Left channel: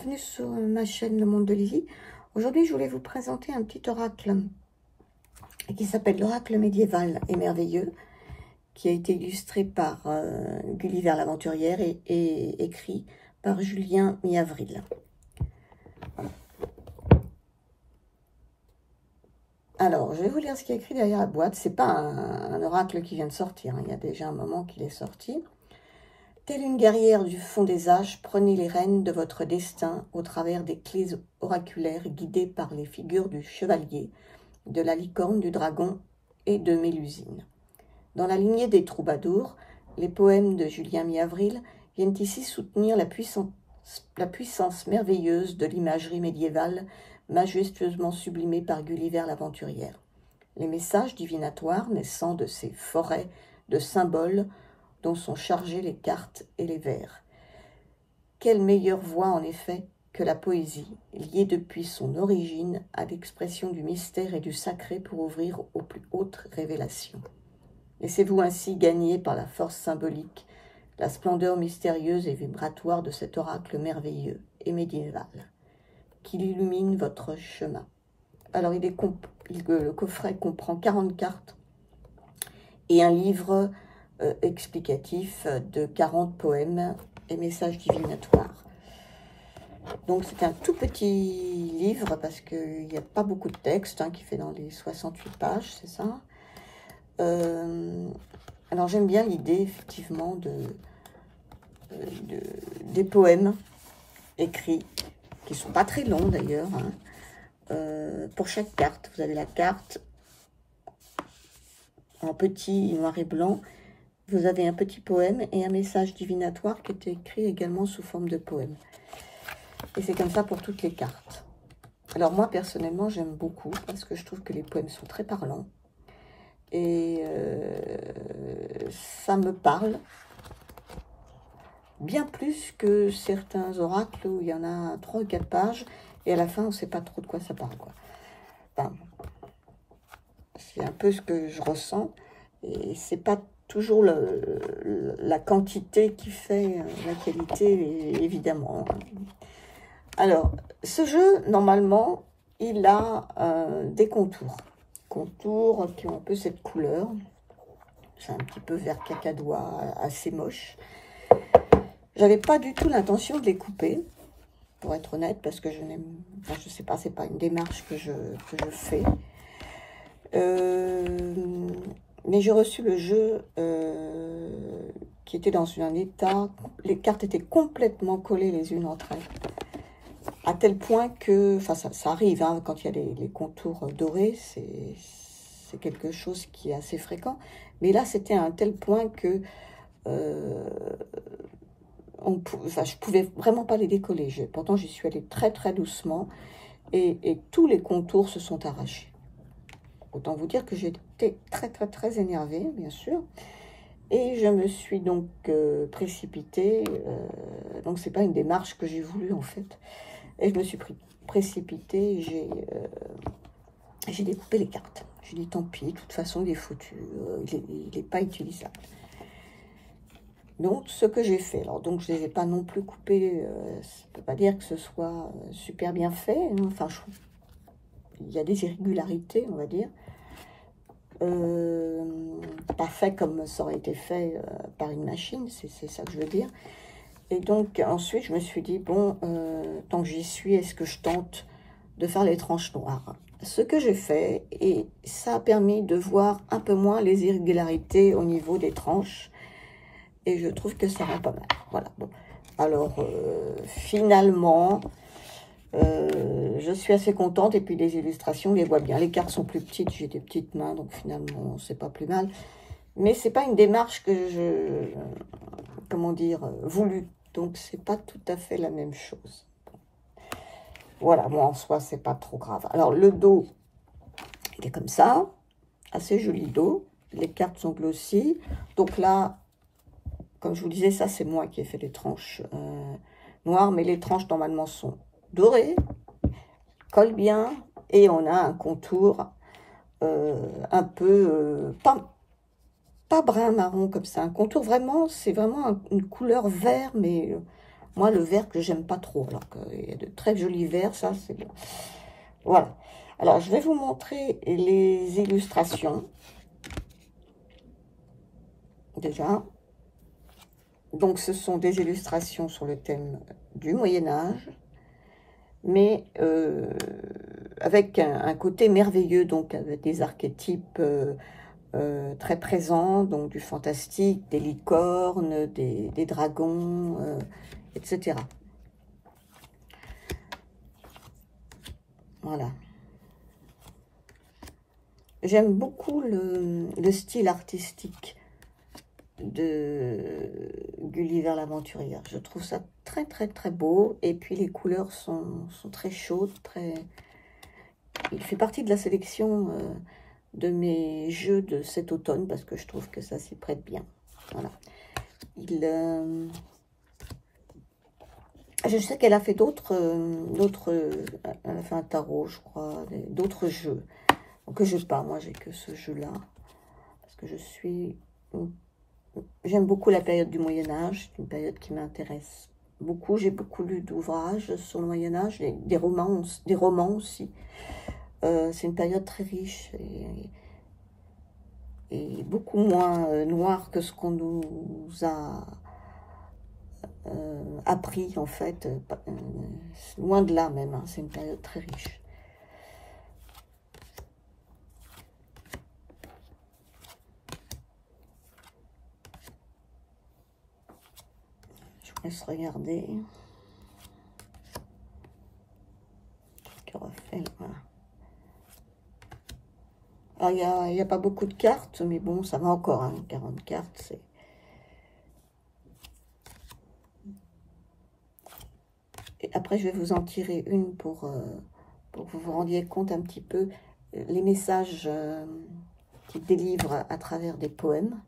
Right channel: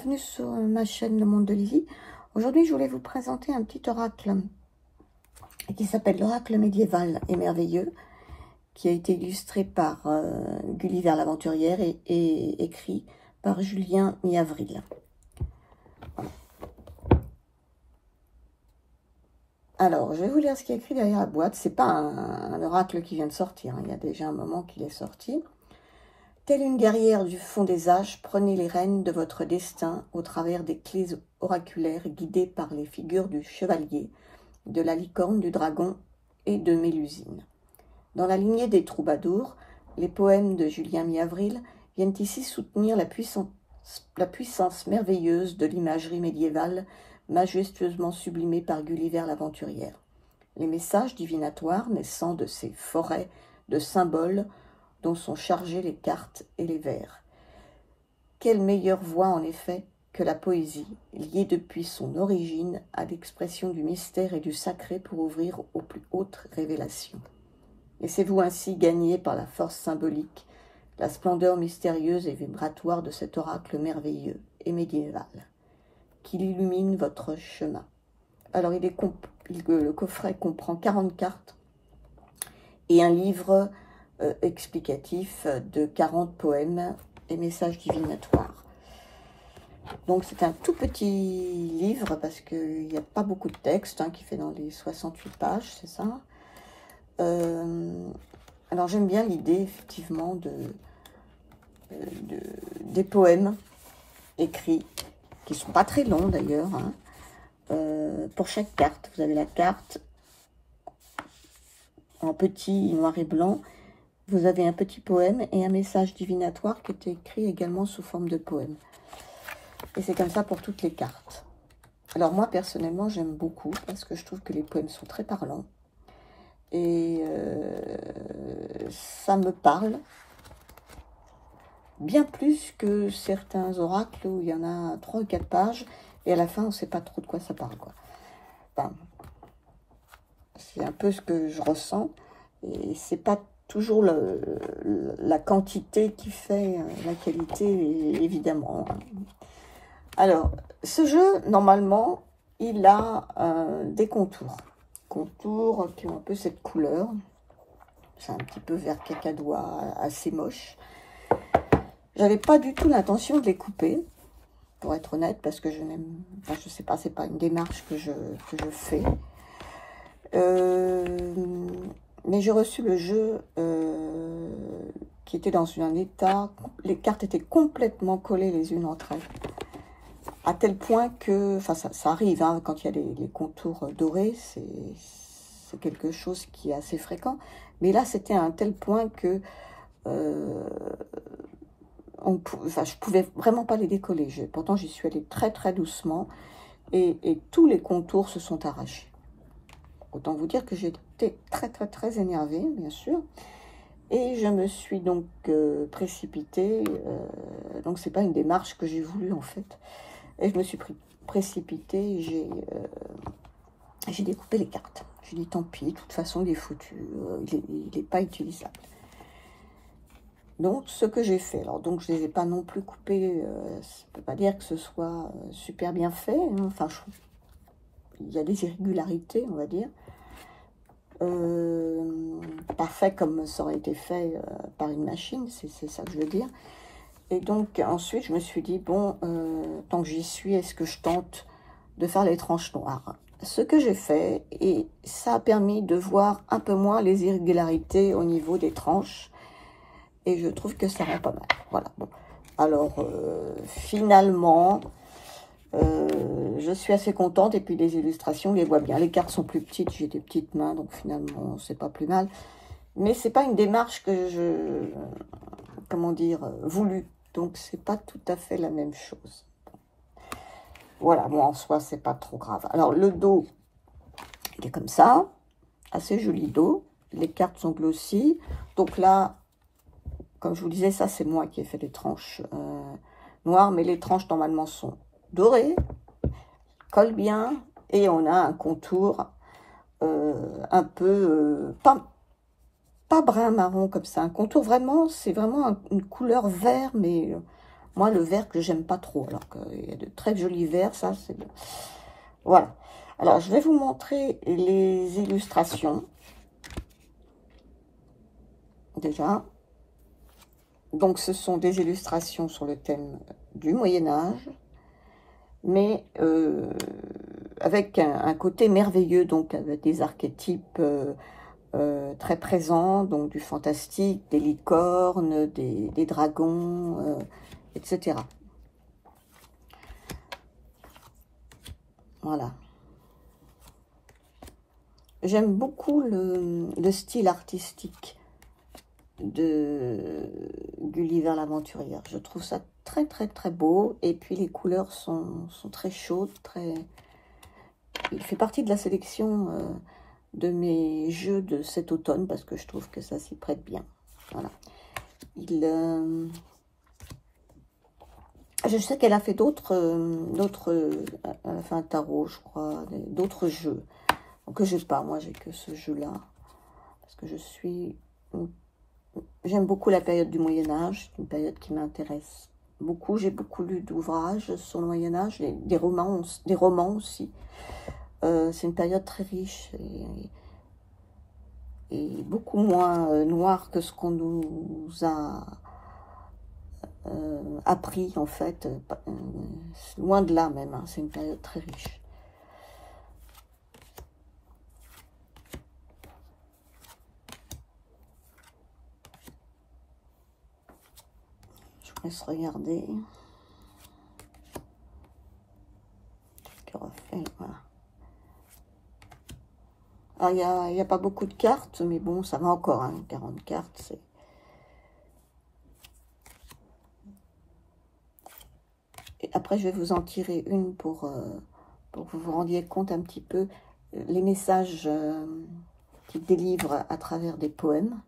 bienvenue sur ma chaîne Le Monde de Lily. Aujourd'hui, je voulais vous présenter un petit oracle qui s'appelle l'oracle médiéval et merveilleux, qui a été illustré par Gulliver l'Aventurière et écrit par Julien Mi-Avril. Voilà. Alors, je vais vous lire ce qui est écrit derrière la boîte. C'est pas un oracle qui vient de sortir, hein. Il y a déjà un moment qu'il est sorti. Telle une guerrière du fond des âges, prenez les rênes de votre destin au travers des clés oraculaires guidées par les figures du chevalier, de la licorne, du dragon et de Mélusine. Dans la lignée des troubadours, les poèmes de Julien Mi-Avril viennent ici soutenir la puissance merveilleuse de l'imagerie médiévale majestueusement sublimée par Gulliver l'Aventurière. Les messages divinatoires naissant de ces forêts de symboles dont sont chargées les cartes et les vers. Quelle meilleure voie, en effet, que la poésie, liée depuis son origine à l'expression du mystère et du sacré pour ouvrir aux plus hautes révélations. Laissez-vous ainsi gagner par la force symbolique, la splendeur mystérieuse et vibratoire de cet oracle merveilleux et médiéval, qu'il illumine votre chemin. Alors, le coffret comprend 40 cartes et un livre explicatif de 40 poèmes et messages divinatoires. Donc c'est un tout petit livre parce qu'il n'y a pas beaucoup de texte, hein, qui fait dans les 68 pages, c'est ça. Alors j'aime bien l'idée effectivement des poèmes écrits, qui ne sont pas très longs d'ailleurs, hein. Pour chaque carte, vous avez la carte en petit noir et blanc. Vous avez un petit poème et un message divinatoire qui est écrit également sous forme de poème. Et c'est comme ça pour toutes les cartes. Alors moi, personnellement, j'aime beaucoup parce que je trouve que les poèmes sont très parlants. Et ça me parle bien plus que certains oracles où il y en a 3 ou 4 pages et à la fin, on ne sait pas trop de quoi ça parle, quoi. Enfin, c'est un peu ce que je ressens et c'est pas toujours la quantité qui fait la qualité, évidemment. Alors, ce jeu, normalement, il a des contours. Contours qui ont un peu cette couleur. C'est un petit peu vert cacadois, assez moche. J'avais pas du tout l'intention de les couper, pour être honnête, parce que je n'aime... Enfin, je sais pas, c'est pas une démarche que je fais. Mais j'ai reçu le jeu qui était dans un état, les cartes étaient complètement collées les unes entre elles, à tel point que, enfin ça arrive, hein, quand il y a les contours dorés, c'est quelque chose qui est assez fréquent, mais là c'était à un tel point que je pouvais vraiment pas les décoller. Pourtant j'y suis allée très très doucement et tous les contours se sont arrachés. Autant vous dire que j'étais très énervée, bien sûr. Et je me suis donc précipitée. Donc, c'est pas une démarche que j'ai voulu, en fait. Et je me suis précipitée. J'ai découpé les cartes. J'ai dit, tant pis, de toute façon, il est foutu. Il n'est pas utilisable. Donc, ce que j'ai fait. Alors, donc, je ne les ai pas non plus coupés. Ça ne peut pas dire que ce soit super bien fait, hein. Enfin, je trouve il y a des irrégularités, on va dire. Pas fait comme ça aurait été fait par une machine, c'est ça que je veux dire. Et donc, ensuite, je me suis dit, bon, tant que j'y suis, est-ce que je tente de faire les tranches noires? Ce que j'ai fait, et ça a permis de voir un peu moins les irrégularités au niveau des tranches. Et je trouve que ça rend pas mal. Voilà, bon. Alors, finalement... je suis assez contente et puis les illustrations, on les voit bien. Les cartes sont plus petites, j'ai des petites mains, donc finalement, c'est pas plus mal. Mais c'est pas une démarche que je, comment dire, voulue. Donc, c'est pas tout à fait la même chose. Voilà, bon, en soi, c'est pas trop grave. Alors, le dos, il est comme ça. Assez joli dos. Les cartes sont glossy. Donc là, comme je vous disais, ça, c'est moi qui ai fait les tranches noires. Mais les tranches, normalement, sont doré, colle bien, et on a un contour un peu, pas brun marron comme ça, un contour vraiment, c'est vraiment une couleur vert, mais Moi, le vert que j'aime pas trop, alors qu'il y a de très jolis verts, ça, c'est bon. Voilà. Alors, je vais vous montrer les illustrations. Déjà. Donc, ce sont des illustrations sur le thème du Moyen-Âge, mais avec un côté merveilleux, donc avec des archétypes très présents, donc du fantastique, des licornes, des dragons, etc. Voilà. J'aime beaucoup le style artistique de Gulliver l'Aventurière. Je trouve ça très très très beau, et puis les couleurs sont très chaudes, très... Il fait partie de la sélection de mes jeux de cet automne, parce que je trouve que ça s'y prête bien. Voilà. Je sais qu'elle a fait d'autres, elle a fait un tarot, je crois, d'autres jeux que j'ai pas. Moi, j'ai que ce jeu-là, parce que j'aime beaucoup la période du Moyen-Âge, c'est une période qui m'intéresse beaucoup. J'ai beaucoup lu d'ouvrages sur le Moyen-Âge, des romans aussi. C'est une période très riche et beaucoup moins noire que ce qu'on nous a appris, en fait. Loin de là même, hein. C'est une période très riche. Je vous laisse regarder. Voilà. Alors, il n'y a pas beaucoup de cartes, mais bon, ça va encore, hein, 40 cartes, c'est... Et après, je vais vous en tirer une pour que vous vous rendiez compte un petit peu les messages qu'il délivre à travers des poèmes.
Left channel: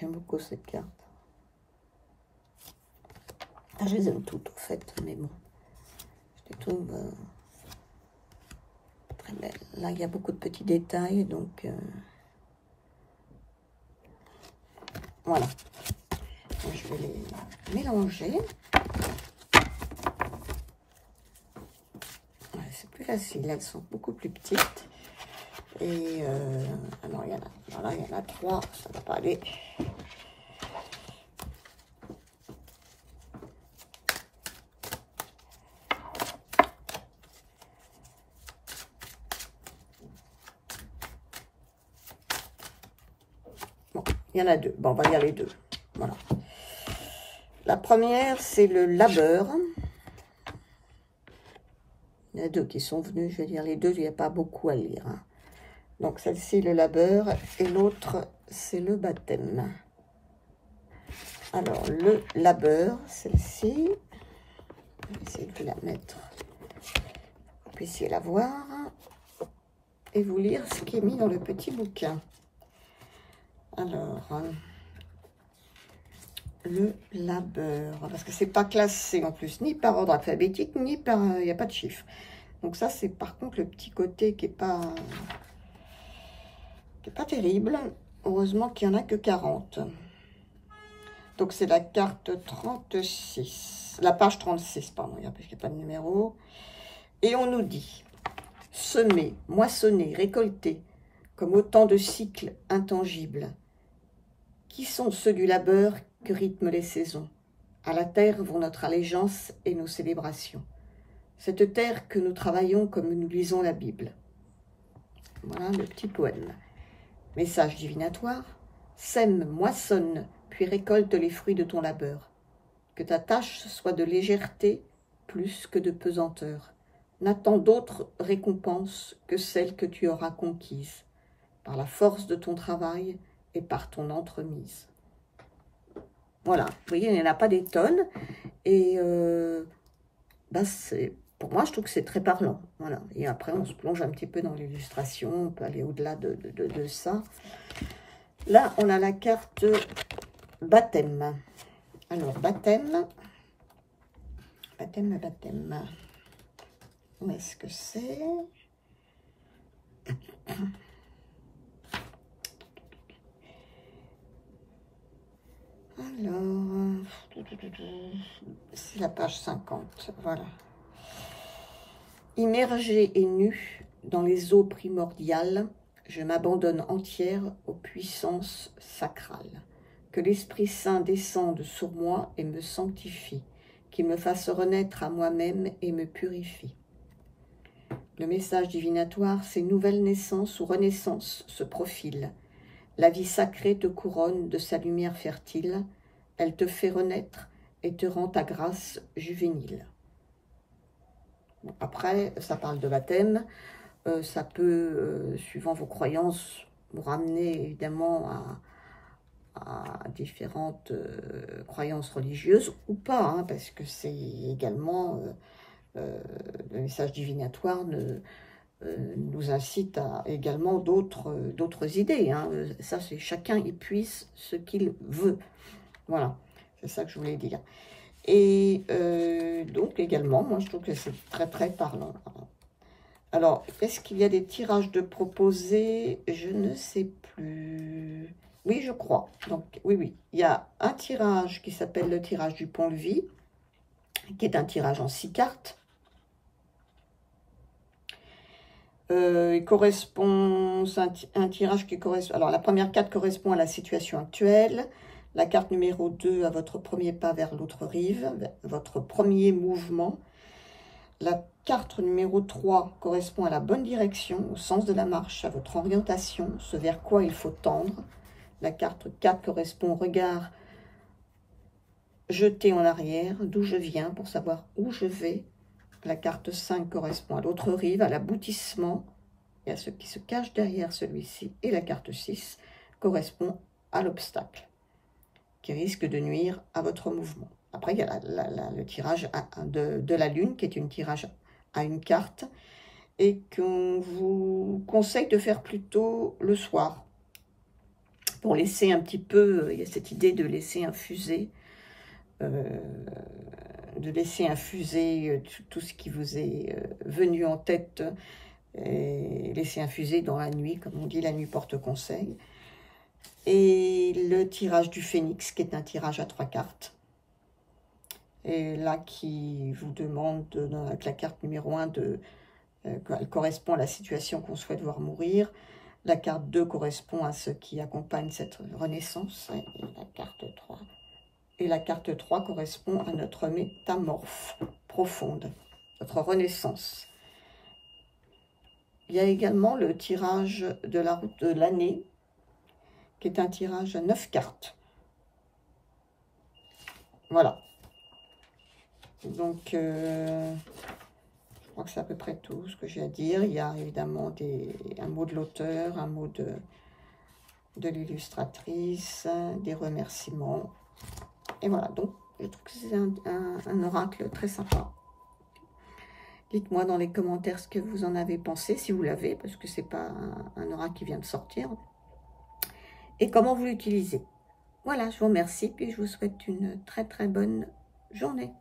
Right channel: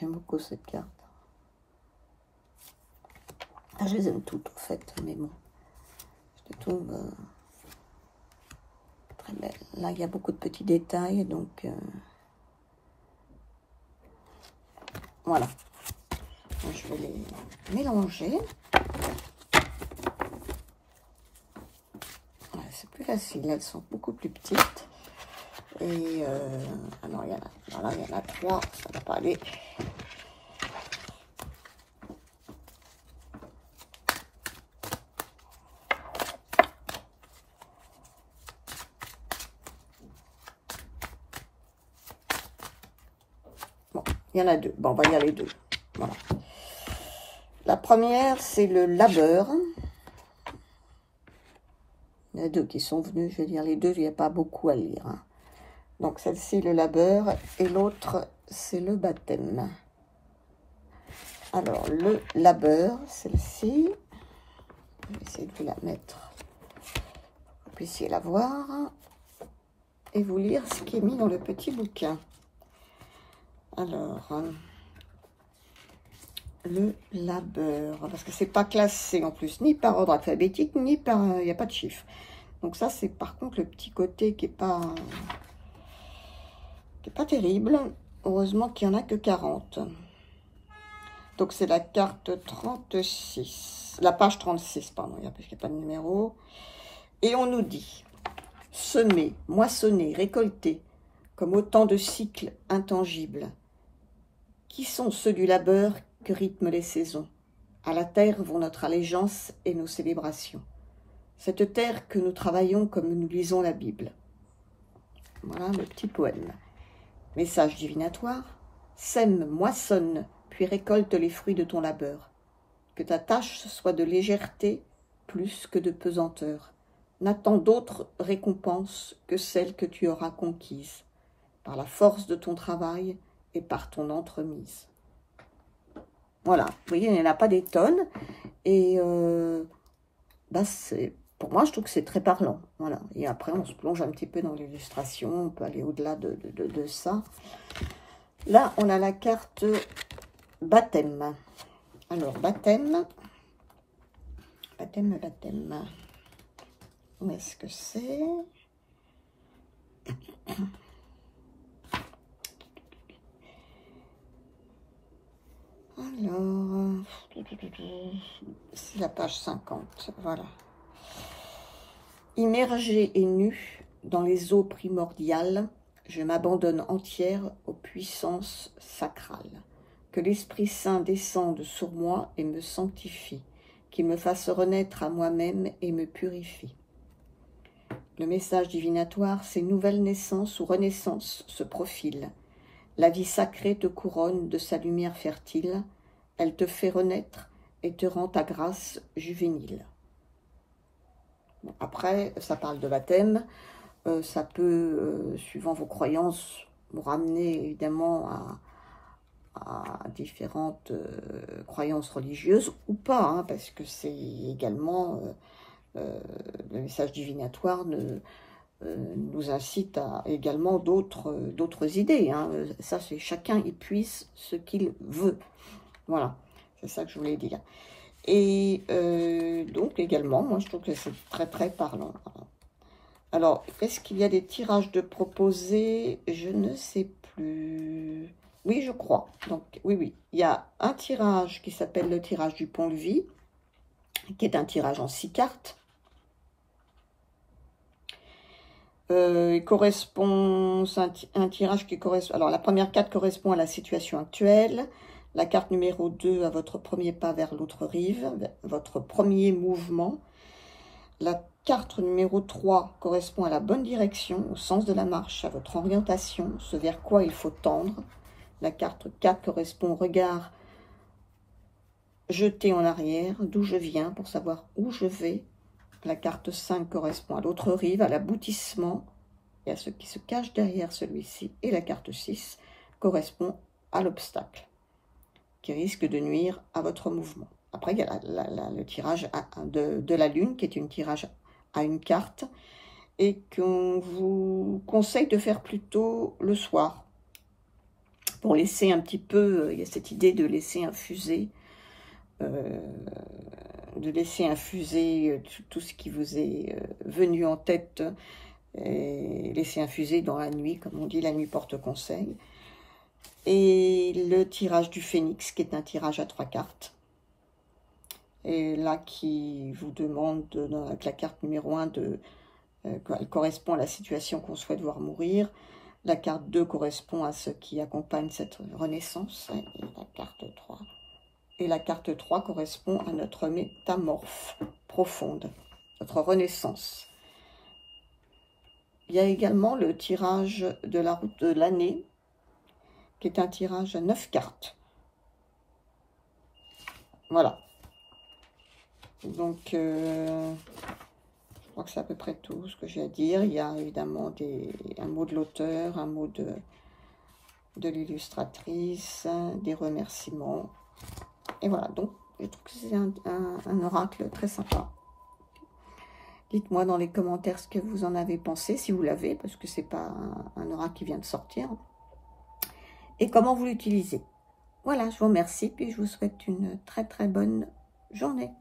J'aime beaucoup cette carte. Je les aime toutes, en fait, mais bon, je les trouve très belles. Là, il y a beaucoup de petits détails, donc voilà. Je vais les mélanger. Ouais, c'est plus facile, elles sont beaucoup plus petites. Et alors, il y en a 3, ça ne va pas aller. Bon, il y en a 2. Bon, on va y aller 2. Voilà. La première, c'est le labeur. Il y en a 2 qui sont venus, je vais lire les 2, il n'y a pas beaucoup à lire, hein. Donc, celle-ci, le labeur, et l'autre, c'est le baptême. Alors, le labeur, celle-ci, je vais essayer de vous la mettre, pour que vous puissiez la voir, et vous lire ce qui est mis dans le petit bouquin. Alors, le labeur, parce que c'est pas classé en plus, ni par ordre alphabétique, ni par... Il n'y a pas de chiffre. Donc ça, c'est par contre le petit côté qui est pas terrible. Heureusement qu'il n'y en a que 40. Donc c'est la carte 36, la page 36, pardon, parce qu'il n'y a pas de numéro. Et on nous dit, semer, moissonner, récolter, comme autant de cycles intangibles. Qui sont ceux du labeur que rythment les saisons? À la terre vont notre allégeance et nos célébrations. Cette terre que nous travaillons comme nous lisons la Bible. Voilà le petit poème. Message divinatoire. Sème, moissonne, puis récolte les fruits de ton labeur. Que ta tâche soit de légèreté plus que de pesanteur. N'attends d'autre récompense que celle que tu auras conquise, par la force de ton travail et par ton entremise. Voilà, vous voyez, il n'y en a pas des tonnes. Et pour moi, je trouve que c'est très parlant. Voilà. Et après, on se plonge un petit peu dans l'illustration. On peut aller au-delà de ça. Là, on a la carte baptême. Alors, baptême. Où est-ce que c'est? Alors, c'est la page 50, voilà. Immergé et nu dans les eaux primordiales, je m'abandonne entière aux puissances sacrales. Que l'Esprit Saint descende sur moi et me sanctifie, qu'il me fasse renaître à moi-même et me purifie. Le message divinatoire, c'est nouvelle naissance ou renaissance se profile. La vie sacrée te couronne de sa lumière fertile, elle te fait renaître et te rend ta grâce juvénile. Après, ça parle de baptême, ça peut, suivant vos croyances, vous ramener évidemment à différentes croyances religieuses ou pas, hein, parce que c'est également, le message divinatoire nous incite à également d'autres idées. Hein. Ça, c'est chacun épuise ce qu'il veut. Voilà, c'est ça que je voulais dire. Et donc également, moi je trouve que c'est très très parlant. Alors, est-ce qu'il y a des tirages de proposés? Je ne sais plus. Oui, je crois. Donc, oui. Il y a un tirage qui s'appelle le tirage du pont-levis, qui est un tirage en 6 cartes. Il correspond, c'est un tirage qui correspond. Alors, la première carte correspond à la situation actuelle. La carte numéro 2 à votre premier pas vers l'autre rive, votre premier mouvement. La carte numéro 3 correspond à la bonne direction, au sens de la marche, à votre orientation, ce vers quoi il faut tendre. La carte 4 correspond au regard jeté en arrière, d'où je viens, pour savoir où je vais. La carte 5 correspond à l'autre rive, à l'aboutissement et à ce qui se cache derrière celui-ci. Et la carte 6 correspond à l'obstacle, qui risque de nuire à votre mouvement. Après, il y a le tirage de la lune, qui est un tirage à une carte, et qu'on vous conseille de faire plutôt le soir, pour laisser un petit peu, il y a cette idée de laisser infuser, tout ce qui vous est venu en tête, et laisser infuser dans la nuit, comme on dit, la nuit porte conseil. Et le tirage du phénix, qui est un tirage à 3 cartes. Et là, qui vous demande, avec la carte numéro 1, elle correspond à la situation qu'on souhaite voir mourir. La carte 2 correspond à ce qui accompagne cette renaissance. Et la carte 3. Et la carte 3 correspond à notre métamorphe profonde, notre renaissance. Il y a également le tirage de la route de l'année, qui est un tirage à 9 cartes. Voilà. Donc, je crois que c'est à peu près tout ce que j'ai à dire. Il y a évidemment un mot de l'auteur, un mot de l'illustratrice, des remerciements. Et voilà, donc je trouve que c'est un oracle très sympa. Dites-moi dans les commentaires ce que vous en avez pensé, si vous l'avez, parce que c'est pas un oracle qui vient de sortir. Et comment vous l'utilisez. Voilà, je vous remercie, puis je vous souhaite une très très bonne journée.